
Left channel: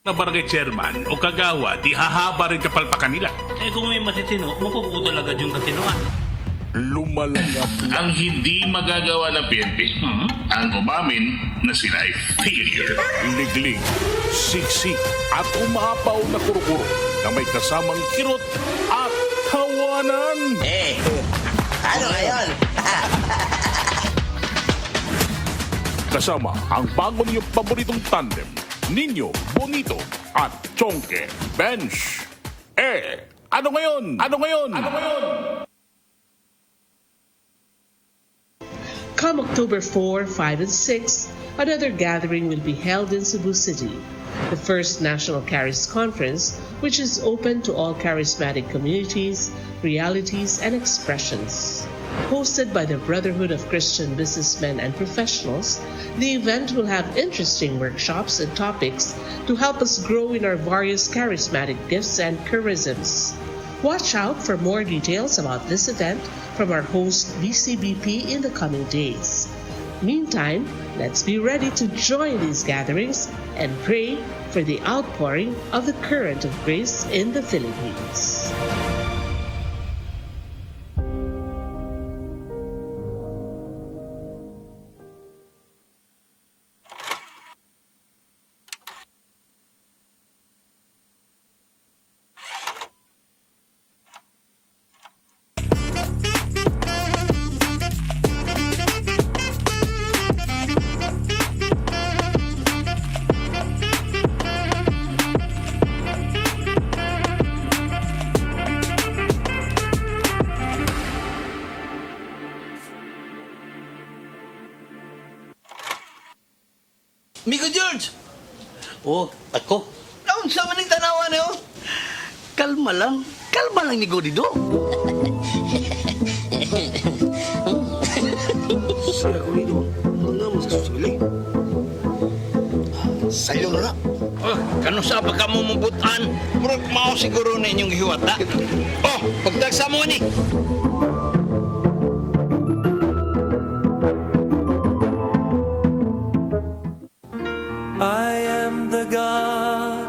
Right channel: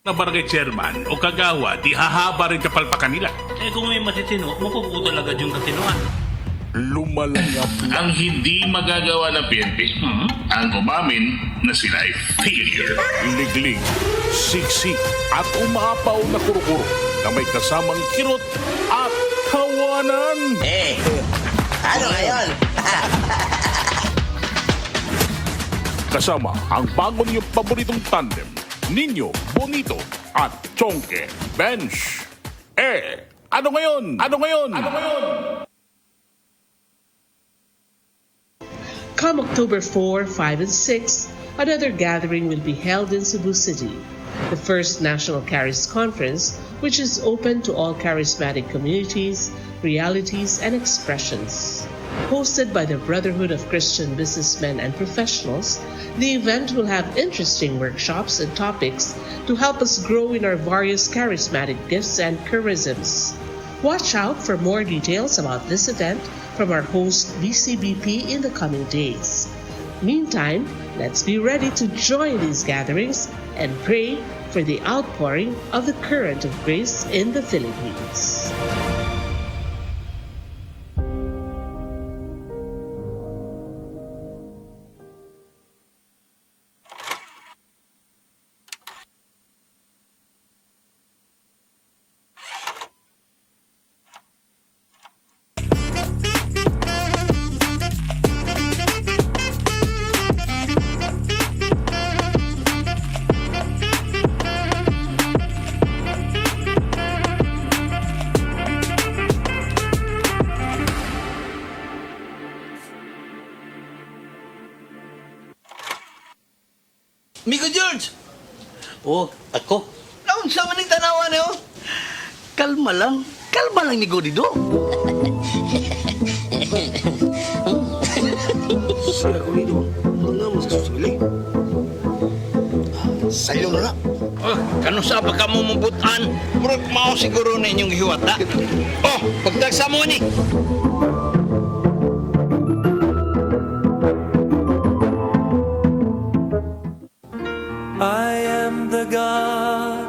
na barangay chairman o kagawa, di hahaba rin kapalpakan nila. Eh kung may matitino, mapuputo agad yung katinoan. Lumalangap ang hindi magagawa ng PNP. Ang umamin na sila ay failure. Liglig, siksik at umapaw na kuro-kuro na may kasamang kirot at tawanan. Ano ngayon? Kasama ang bago niyong paboritong tandem, Nino Bonito at Chonke Bench. Ano ngayon? Ano ngayon? Ano ngayon? Come October 4, 5, and 6, another gathering will be held in Cebu City, the first National Charis Conference, which is open to all charismatic communities, realities, and expressions. Hosted by the Brotherhood of Christian Businessmen and Professionals, the event will have interesting workshops and topics to help us grow in our various charismatic gifts and charisms. Watch out for more details about this event from our host BCBP in the coming days. Meantime, let's be ready to join these gatherings and pray for the outpouring of the current of grace in the Philippines. Migo George! Oh, ako? Naon sa maning tanawan niyo? Kalma lang ni Godido. Sila ko nito. Ano mo sa susili? Sa'yo na. Kano sa baka mo mabutan? Murag mao siguro na inyong hiwata. Oh, pagdagsa mo ni. I am the God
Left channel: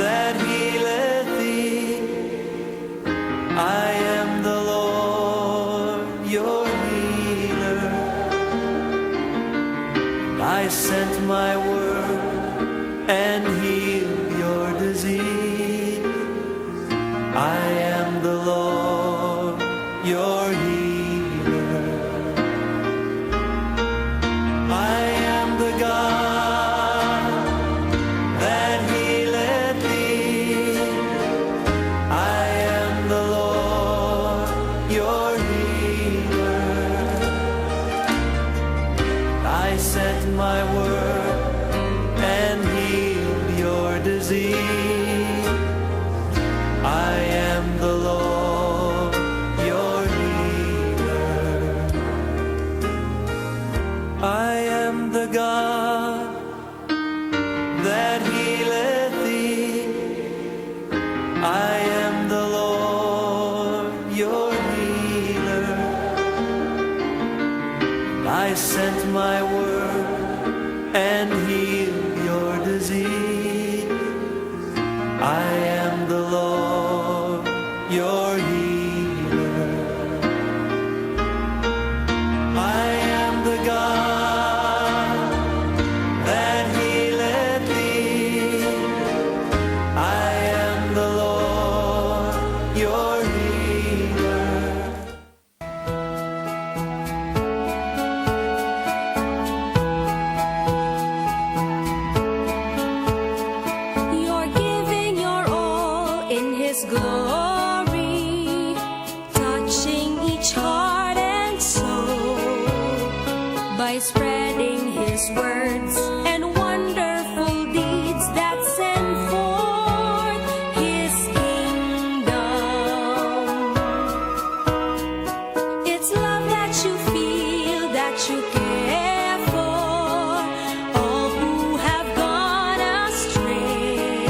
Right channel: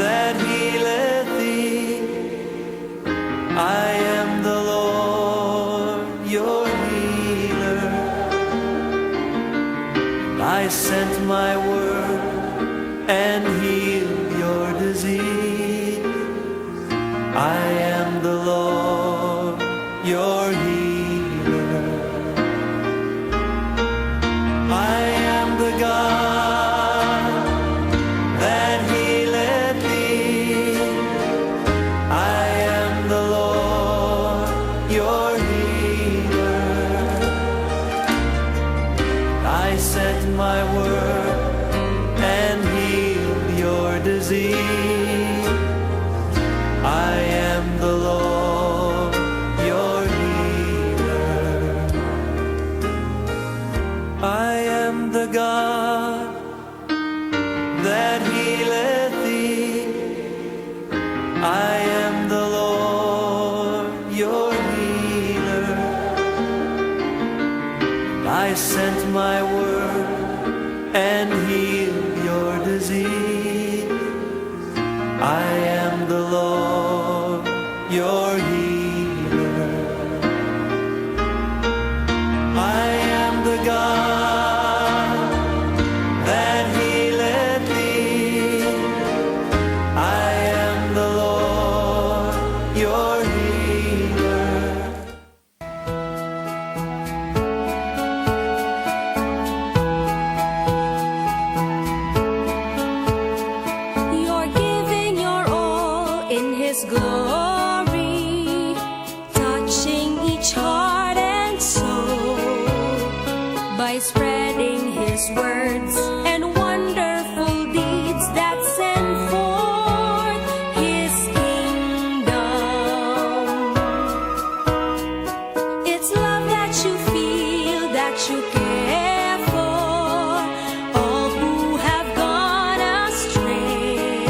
that healeth thee. I am the Lord, your healer. I sent my word and healed His glory touching each heart and soul by spreading His words and wonderful deeds that send forth His kingdom. It's love that you feel, that you care for all who have gone astray.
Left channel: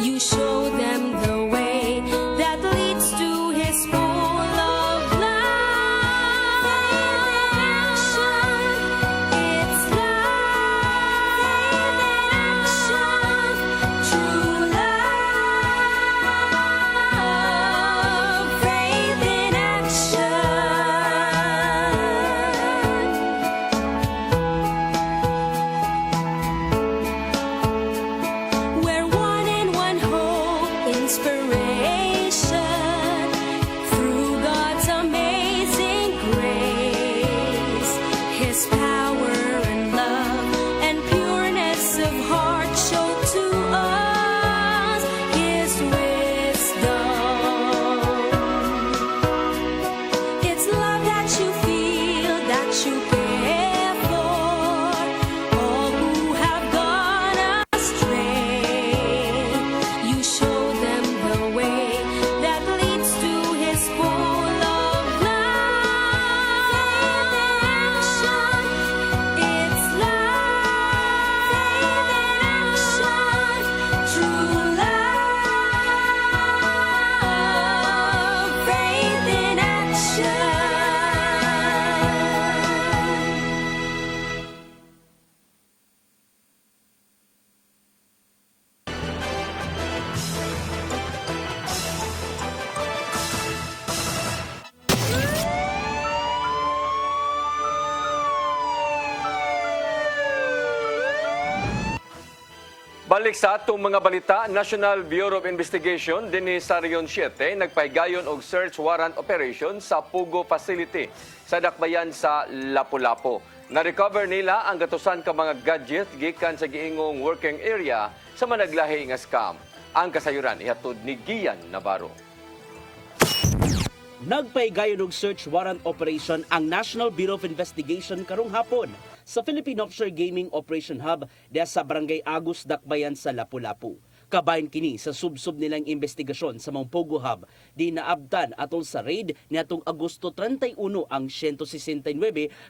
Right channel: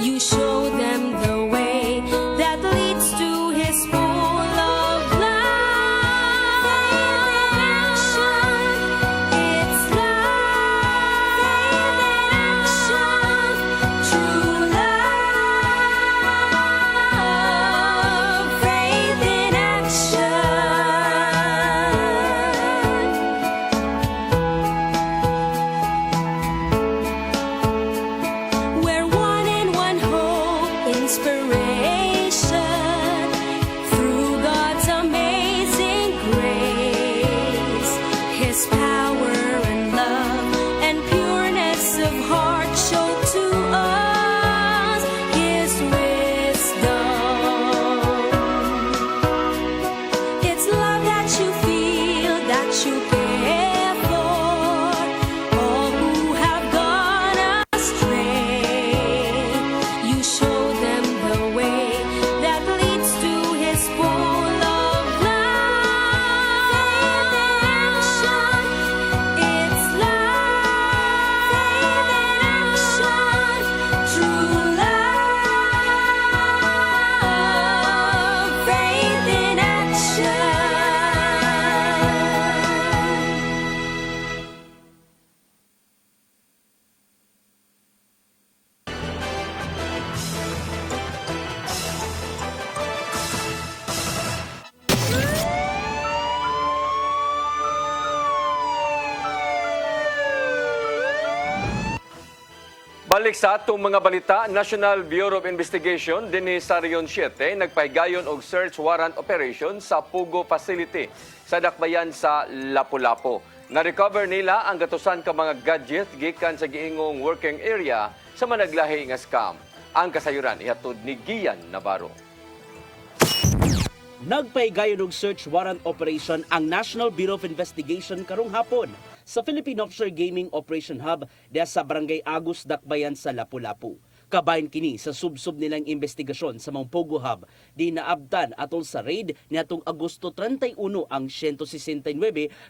You show them the way that leads to His full of life. It's love, faith in action, true love, faith in action. We're one in one hope, inspiration through God's amazing grace. His power and love and pureness of heart show to us His wisdom. It's love that you feel, that you care for all who have gone astray. You show them the way that leads to His full of life. Faith in action. It's love, faith in action, true love, faith in action. Balik sa atong mga balita, National Bureau of Investigation dinhi sa Region 7 nagpahigayon og search warrant operation sa Pugo Facility sa dakbayan sa Lapu-Lapu. Na-recover nila ang gatusan ka mga gadget gikan sa giingong working area sa managlahi nga scam. Ang kasayuran ihatod ni Gian Navarro. Nagpahigayon og search warrant operation ang National Bureau of Investigation karong hapon sa Philippine Offshore Gaming Operation Hub diha sa Barangay Agus, Dakbayan sa Lapu-Lapu. Kabahin kini sa subsub nilang investigasyon sa mga Pogo Hub di naabtan atol sa raid niadtong Agosto 31 ang 169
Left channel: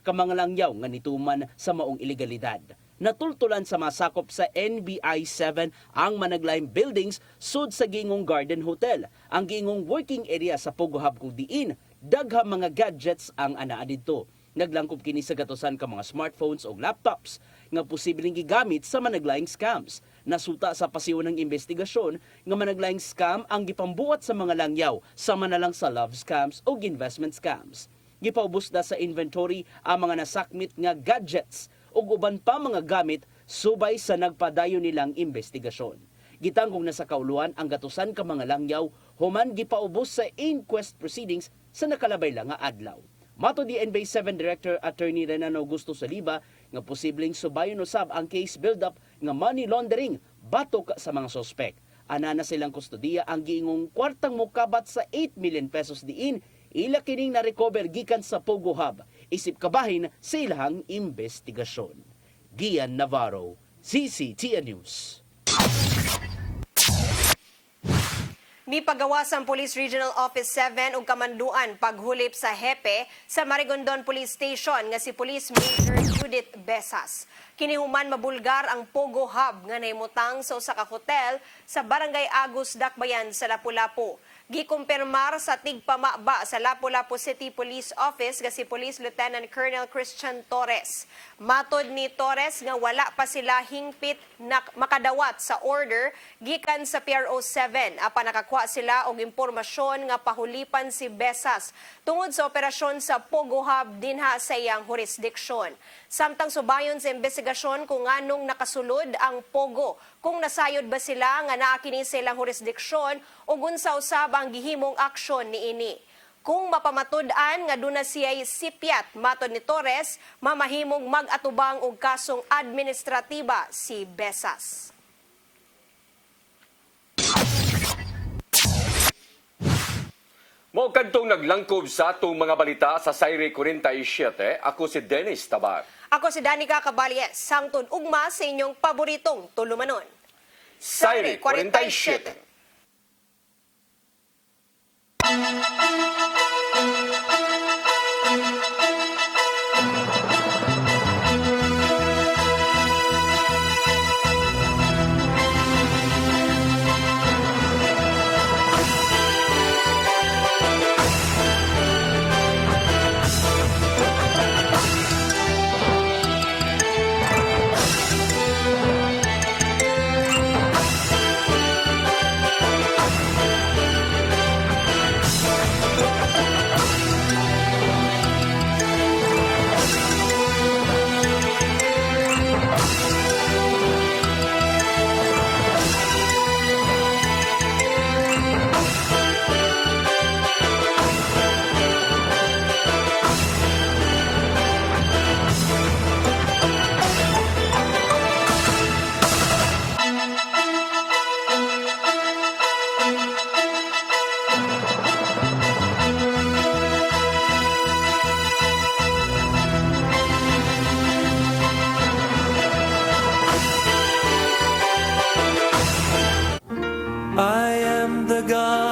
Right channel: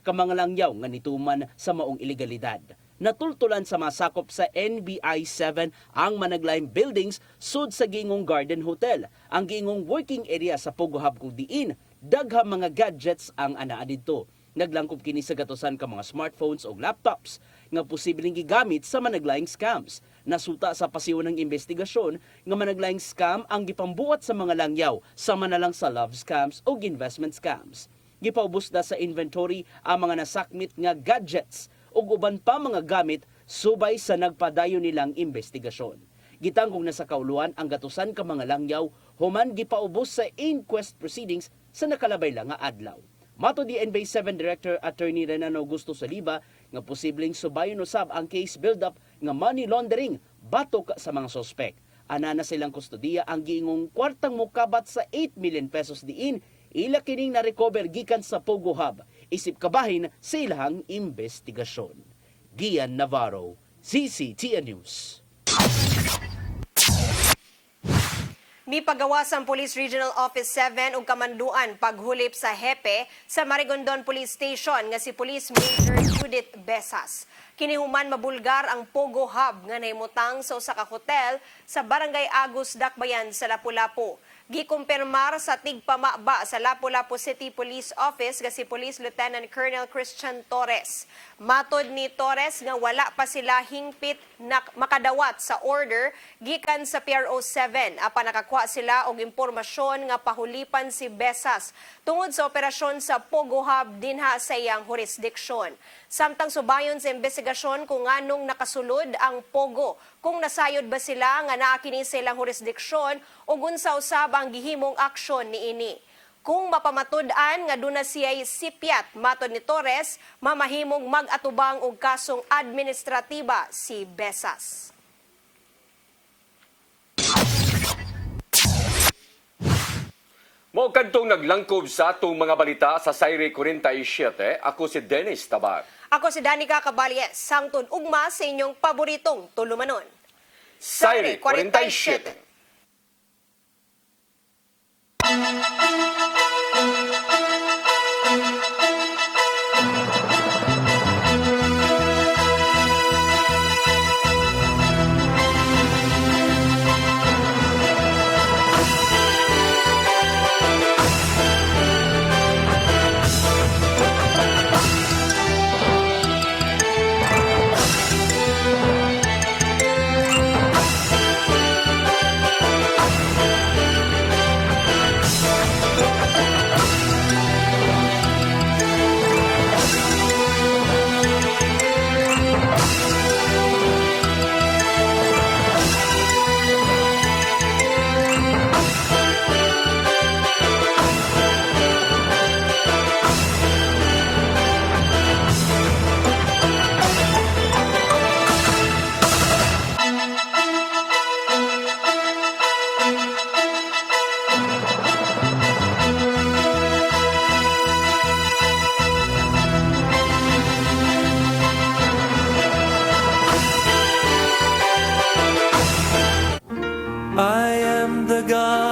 ka mga langyaw nga nituman sa maong ilegalidad. Natultulan sa masakop sa NBI 7 ang managlayang buildings sud sa Gingong Garden Hotel, ang gingong working area sa Pogo Hub kung diin daghang mga gadgets ang anaa didto. Naglangkob kini sa gatusan ka mga smartphones o laptops nga posibleng gigamit sa managlayang scams. Nasuta sa pasiwa ng investigasyon nga managlayang scam ang gipambuhat sa mga langyaw sama na lang sa love scams o investment scams. Gipaubos na sa inventory ang mga nasakmit nga gadgets ug uban pa mga gamit subay sa nagpadayon nilang investigasyon. Gitanggong na sa kauluan ang gatusan ka mga langyaw human gipaubos sa inquest proceedings sa nakalabay lang nga adlaw. Mato di NBI 7 Director Attorney Renan Augusto Saliba nga posibleng subayon usab ang case build-up nga money laundering batok sa mga sospek. Ana na silang kustodiya ang giingong kwartang mukabat sa 8 million pesos diin ila kining na-recover gikan sa Pogo Hub. Isip kabahin sa ilang investigasyon. Gian Navarro, CCTN News. Mipagawas ang Police Regional Office 7 ug kamanduan paghulip sa hepe sa Marigondon Police Station nga si Police Major Judith Besas. Kinihuman mabulgar ang Pogo Hub nga nahimutang sa usa ka hotel sa Barangay Agus, Dakbayan sa Lapu-Lapu. Gikumpirmar sa tigpamaba sa Lapu-Lapu City Police Office nga si Police Lieutenant Colonel Christian Torres. Matod ni Torres nga wala pa sila hingpit na makadawat sa order gikan sa PRO 7 apan nakakuha sila og impormasyon nga pahulipan si Besas tungod sa operasyon sa Pogo Hub dinha sa iyang jurisdiksyon. Samtang subayon sa investigasyon kung anong nakasulod ang Pogo, kung nasayod ba sila nga naa kini sa ilang jurisdiksyon o unsa usab ang gihimong aksyon niini. Kung mapamatud-an nga duna siya'y sipyat, matod ni Torres, mamahimong mag-atubang og kasong administratiba si Besas. Mao kadtong naglangkob sa atong mga balita sa Sayre 47, ako si Dennis Tabar. Ako si Danica Caballes, sangton ugma sa inyong paboritong tulumanon. Sayre 47. I am the God